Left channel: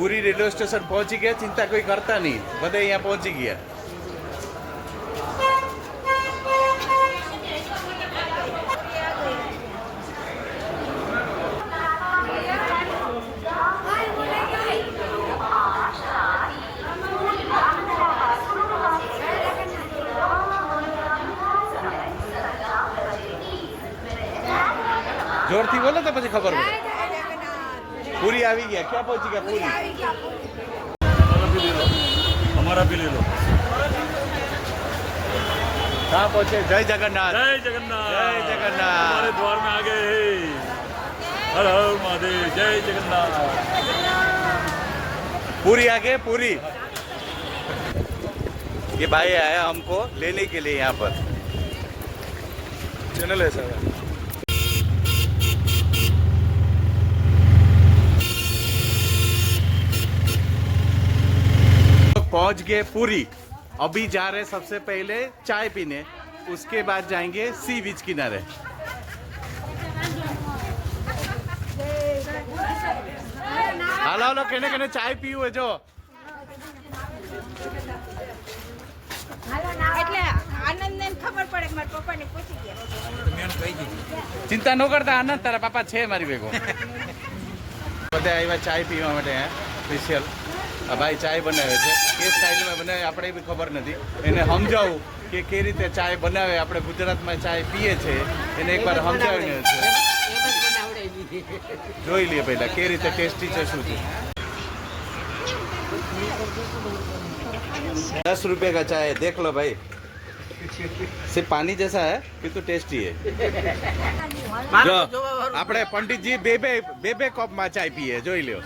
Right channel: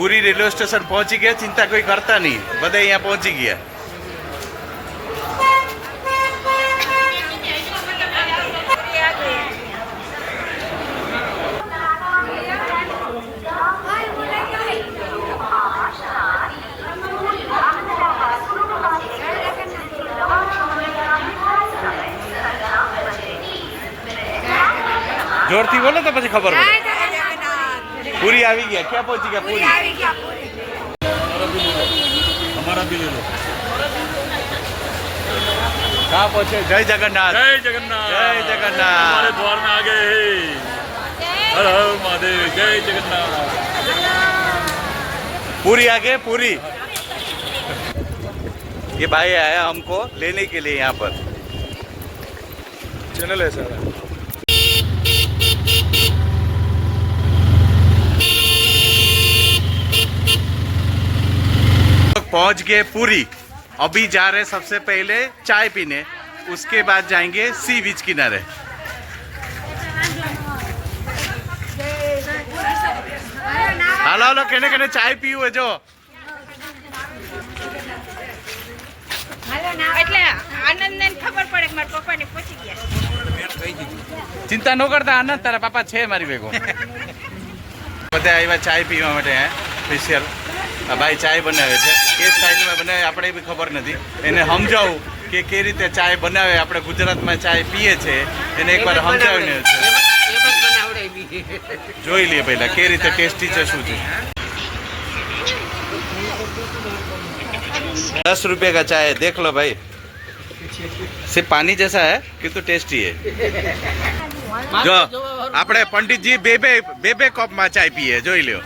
पूरी railway station पहुंची गया, चिंता कोई करता नहीं, बधाई यहाँ पहुंची गया। जोर थी बोलो तो પછી ખબર પડે। पूरी आ गया, क्या पहुंची गया पूरी? हमारा भी ले लो। कहाँ पहुंचे? जय जगन्नाथ, जय जगन्नाथ, जय जगन्नाथ। हमारे द्वार में आ गए हैं। हर हर महादेव, जय जगन्नाथ। पूरी आ गए, पूरी। ये भाई आया हमको लेने के लिए यहाँ पर। चैनल है सारा। पहुंच गए पूरी। अभी जा रहे सबसे पहले चाय पीने, उसके बाद जाएंगे सी बीच किनारे। हालो हालो कहने कहने चाय पीવું है जो એટલે આનંદને ખબર પડે કે મારા પપ્પાને પહોંચી ગયા। चिंता न करता आनंद, तारा पापा छे मारी भेगो। બધા આવ્યા ચાય પીવા માટે સ્પેશિયલ। આ ભાઈ ચાય બનાવે છે, કે સ્ટાઇલમાં બનાવે આપણે બી ખબર નથી, એને સમજાવું કે કઈ રીતે ચાય બનાવે। આપણે ગુજરાતમાં ચાય પીએ છે એને એકવાર સમજાવીને છે, જોઈ લઈએ પહેલા કઈ રીતે ટેસ્ટી છે શું છે। 10 रुपये का चाय है, देख लो भाई, सिर्फ पानी जैसा है किंतु टेस्टी है। जो આપણે પંડિતજી બે બે કપ માં ચાય પીએ, જોઈ લ્યો।